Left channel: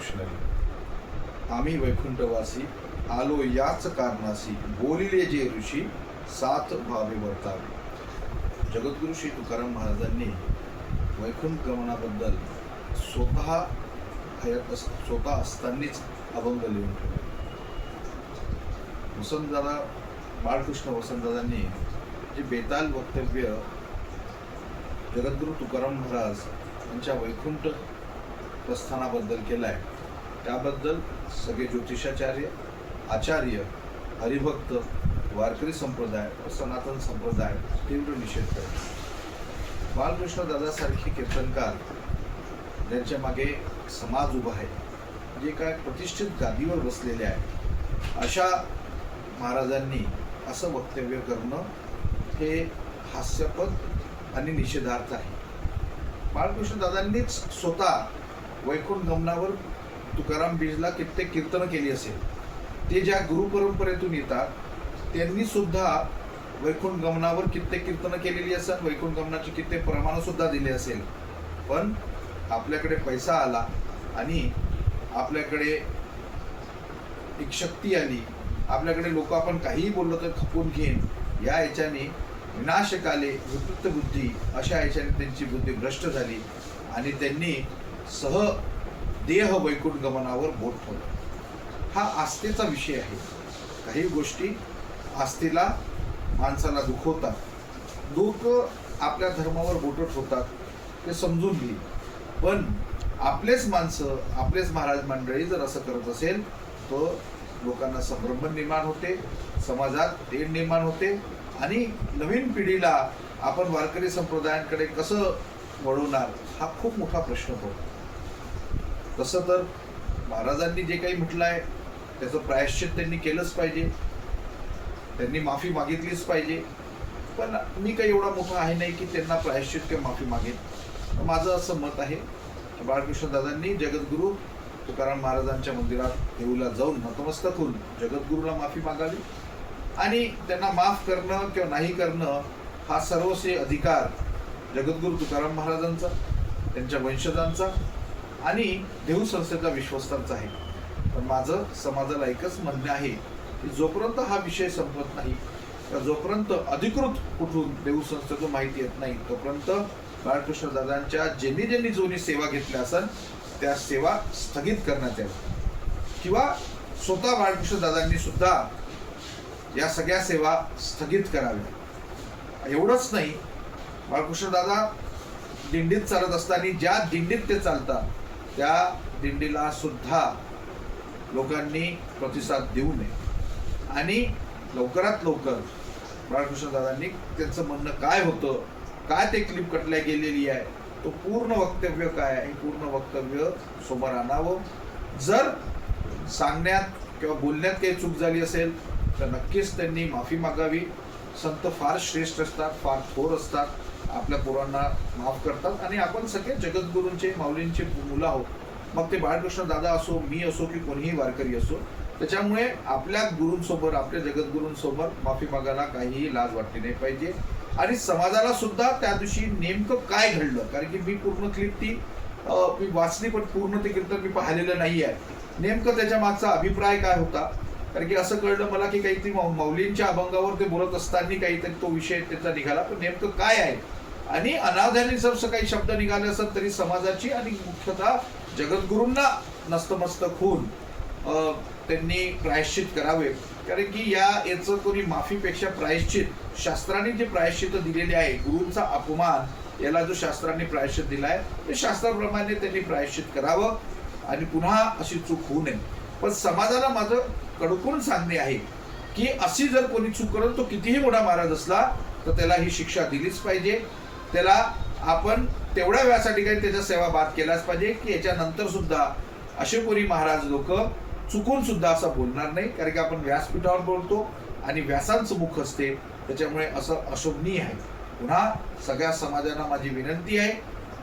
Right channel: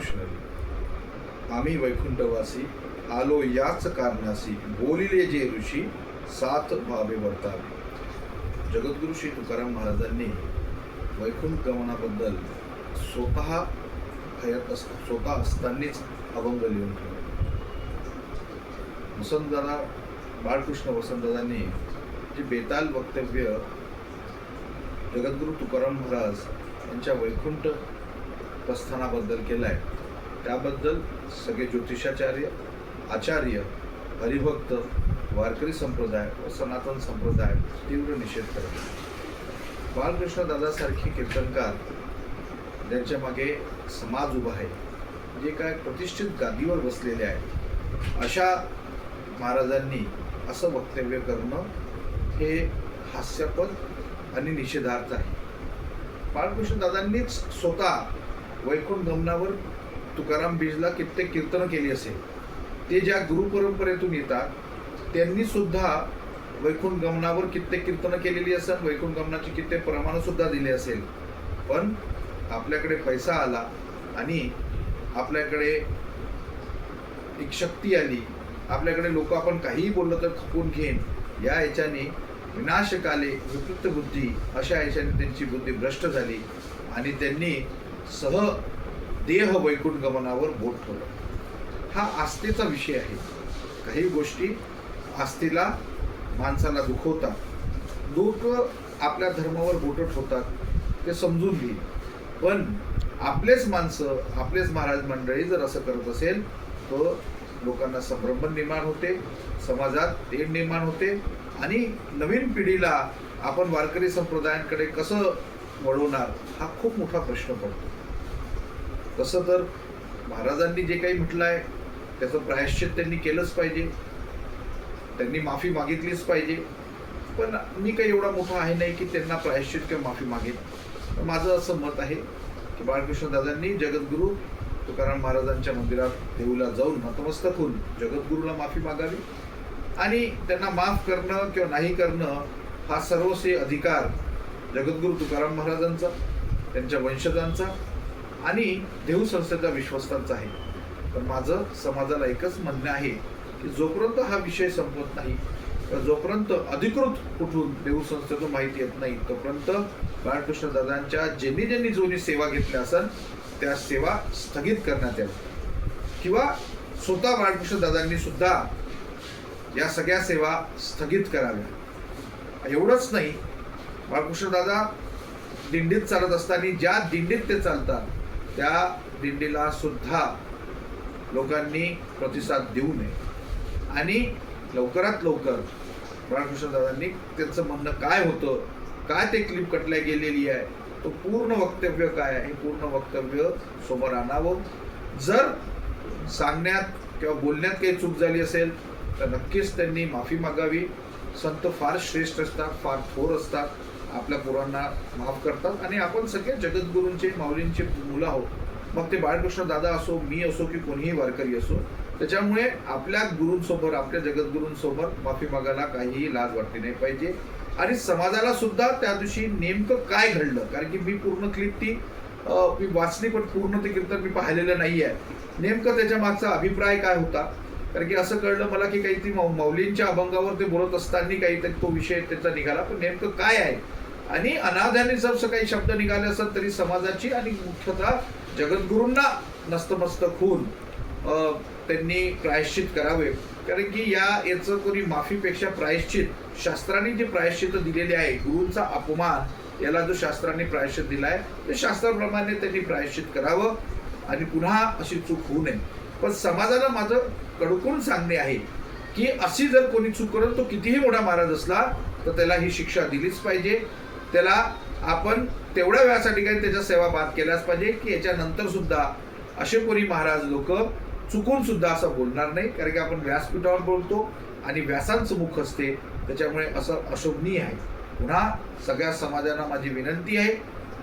कृष्ण आम्ही वैकुंठवासी आलो याच कारणासी बोलिले जे ऋषी सात भावे वर्तावे। जगद्गुरु श्री तुकाराम महाराजांनी वैकुंठ गमनाबद्दल स्वतः हयात अस स्वतः असतानाच अभंग लिहून ठेवले। वसंतदादा बाळकृष्ण वसंतदादांनी जे बेताल वक्तव्य जगद्गुरु तुकाराम महाराज यांच्या वैकुंठ प्रस्थानाबद्दल केलं आहे त्याबद्दल सगळे ज्योतिषाचार्य आचार्य हरिभक्त वारकरी संप्रदाय व सनातन संप्रदाय तीव्र निषेध करेल. बालकृष्ण दादासारखे कीर्तनकार ज्यांच्या मागे समाज उभा आहे जे काय प्रतिष्ठित गादीवर बसलेले आहे अशा महाराजांनी असं वक्तव्य करणं हे हास्यपद आणि निषेधार्थ आहे. बाळकृष्ण दादांनीच स्वतः वैकुंठ गमनावर तुकाराम बीजला कित्येक कीर्तनं केली असेल. ते ज्या गुरुपरंपरेतून येतात त्यांनी सुद्धा वैकुंठ गमनावर कित्येक कीर्तनं केलेली असतात वैकुंठ गमनाची कित्येक प्रमाणसुद्धा दिली असेल. पण आपल्याकडे पैसा आला आणि आपल्याकडे एक शक्ती आली. आपल्याकडे लोक आपण काहीही बोललं तर खपून घेईन. या याच्याने विनाशकाले विकृत बुद्धी अशा याच्याने त्यांची बुद्धी भ्रष्ट झाली आणि त्यांनी सह देह वैकुंठ गमनावर बोट ठेवलं. हा आस्थेचा विषय आहे. काही गोष्टी आस्थेला माणसाला दुखवतात. लोक आपल्या धर्मावर बोटं ठेवतात. ते समजून घेईल. पण आपलेच माणसं आपलेच महाराज मंडळी जर असं करत असेल तर लोकांना संभ्रम निर्माण होते समाजात तेढ निर्माण होते आणि नवीन पिढीला आपण वारकरी संप्रदायांकडे कसं वळवणार हा खूप मोठा प्रश्न पडतो. तसं तर महाराजांनी जे काही म्हटलं आहे त्याचं प्रायश्चित त्यांनी केलंच पाहिजे. त्यांनी माफी मागितलीच पाहिजे. पण मी काही एवढा मोठा आहे नाही की त्यांना प्रायश्चित किंवा माफी मागेल माझं असं मत आहे की बाळकृष्ण दादांनी जगद्गुरू तुकाराम महाराजांच्या मंदिरात देऊला जाऊन नतमस्तक होऊन जगद्गुरूला माफी मागावी. आणि त्यांना माफ करणं किंवा नाही करणं हा सर्वस्वी अधिकार जगद्गुरू तुकाराम महाराजांचा त्यांच्या वंशजांचा आणि देऊ संस्थेचा विश्वस्तांचा आहे. पण माझं समाजाला एकच म्हणणं आहे की जोपर्यंत हा विषय संपत नाही जोपर्यंत अधिकृत कुठून देऊ संस्थेतून माहिती येत नाही तोपर्यंत बाळकृष्ण दादांच्या ज्यांनी ज्यांनी जोनी सेवा घेतल्या असेल त्या सेवा स्थगित करण्यात याव्या किंवा स्वतः बाळकृष्ण दादांनी सुद्धा या सगळ्या सेवा स्थगित कराव्या. एवढंच नाही बाळकृष्ण दादा दिंडीत चालत असताना ज्या दिंडीत ते चालतात त्या दिंडीला सुद्धा लोकांनी प्रतिसाद देऊ नये. आणि लवकरात लवकर बाळकृष्णदादांनी त्यांचं म्हणणं काय होतं काय ते क्लिप कटल्या गेलेली आहे तो पूर्ण वक्तव्य काय आहे हे पूर्ण वक्तव्य समोर आणावं. जर सांगण्यात किंवा बोलण्यात काही चूक झाली असेल तर नक्कीच त्यांनी माफी मागावी. संत फार श्रेष्ठ असतात फार थोर असतात. आपल्या पोरांना माफ करतात. आणि आपण सगळे जगद्गुरूंचे माऊलींचे मुलं आहोत. मग ते बाळकृष्ण दादा असो मी असो की कोणीही वारकरी असो त्याच्यामुळे आपल्या गुरूंसमोर आपल्या जगद्गुरूंसमोर माफी मागायला काहीही लाज वाटली नाही पाहिजे. आणि समाजाला सुद्धा त्या दिवशी नेमकं काय घडलं? कारण की मी पूर्ण क्लिप ती मी वाचली पण पूर्ण ते कीर्तन मी पाहिलेलं नाही आहे नेमकं त्याच्या मागचा अभिप्राय काय होता? कारण की असं कळलं मला की काही ती माऊलींच्या मौलींच्या अभंगावर ते बोलत असताना काहीतरी तो विषय त्याचा निघाला. पण नेमकं काय आहे? आणि अनाध्याने जर असं काही शब्द निघाले असत तरी समाजाची आणि मुख्यतः जगद्गुरूंना नस्तमस्तक होऊन त्यांनी प्रायश्चित करावे. कारण की या याचं कोणी माफीपेक्षा प्रायश्चित शास्त्राने जे प्रायश्चित दिलेले आहे गुरूंचा अपमान याला जो शास्त्राने प्रायश्चित दिला आहे ते शास्त्राप्रमाणे त्यांनी प्रायश्चित करावं आणि पुन्हा अशी चूक होऊ नये. पण समाजाला माझं कडकून सांगणे आहे की अशी जर कोणी चूक करत तो कितीही मोठा महाराज असला तर त्याला ही शिक्षा दिलीच पाहिजे. त्याला आपण तेवढ्या वेळासाठी काही त्याच्या सेवा बाद केल्याच पाहिजे की याच्यानंतर सुद्धा असे महाराज लोक चुकून सुद्धा असं बोलणार नाही कारण की आपण व्यासपीठावर बोलतो आणि व्यासांचं मुख असते त्याच्यामुळे असं अशोभनीय आहे. पुन्हा सगळ्या समाजाला माझी विनंती आहे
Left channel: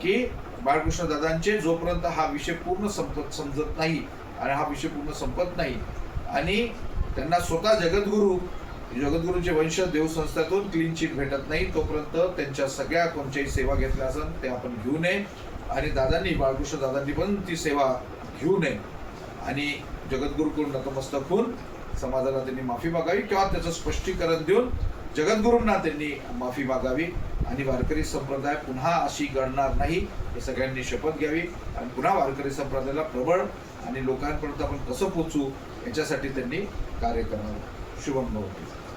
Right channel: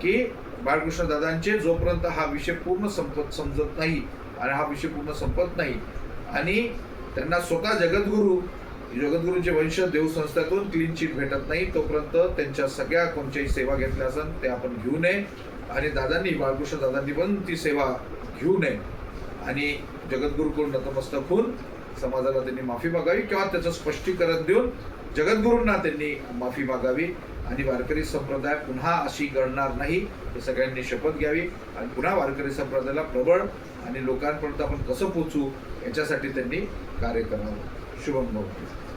की बाळकृष्ण दादांचे जोपर्यंत हा विषय पूर्ण संपत समजत नाही आणि हा विषय पूर्ण संपत नाही आणि त्यांना स्वतः जगद्गुरू जगद्गुरूंचे वंश देवसंस्थातून क्लीन चिट भेटत नाही तोपर्यंत त्यांच्या सगळ्या कोणत्याही सेवा घेतल्या असेल ते आपण घेऊ नये. आणि दादांनी बाळकृष्ण दादांनी पण ती सेवा घेऊ नये. आणि जगद्गुरूकडून नतमस्तक होऊन समाजाला त्यांनी माफी मागावी किंवा त्याचं स्पष्टीकरण देऊन जगद्गुरूंना त्यांनी माफी मागावी. आणि वारकरी संप्रदाय पुन्हा अशी घडणार नाही हे सगळ्यांनी शपथ घ्यावी. आणि पुन्हा वारकरी संप्रदायाला प्रबळ आणि लोकांपर्यंत आपण कसं पोचू याच्यासाठी त्यांनी कार्य करावं. శుభం భవతు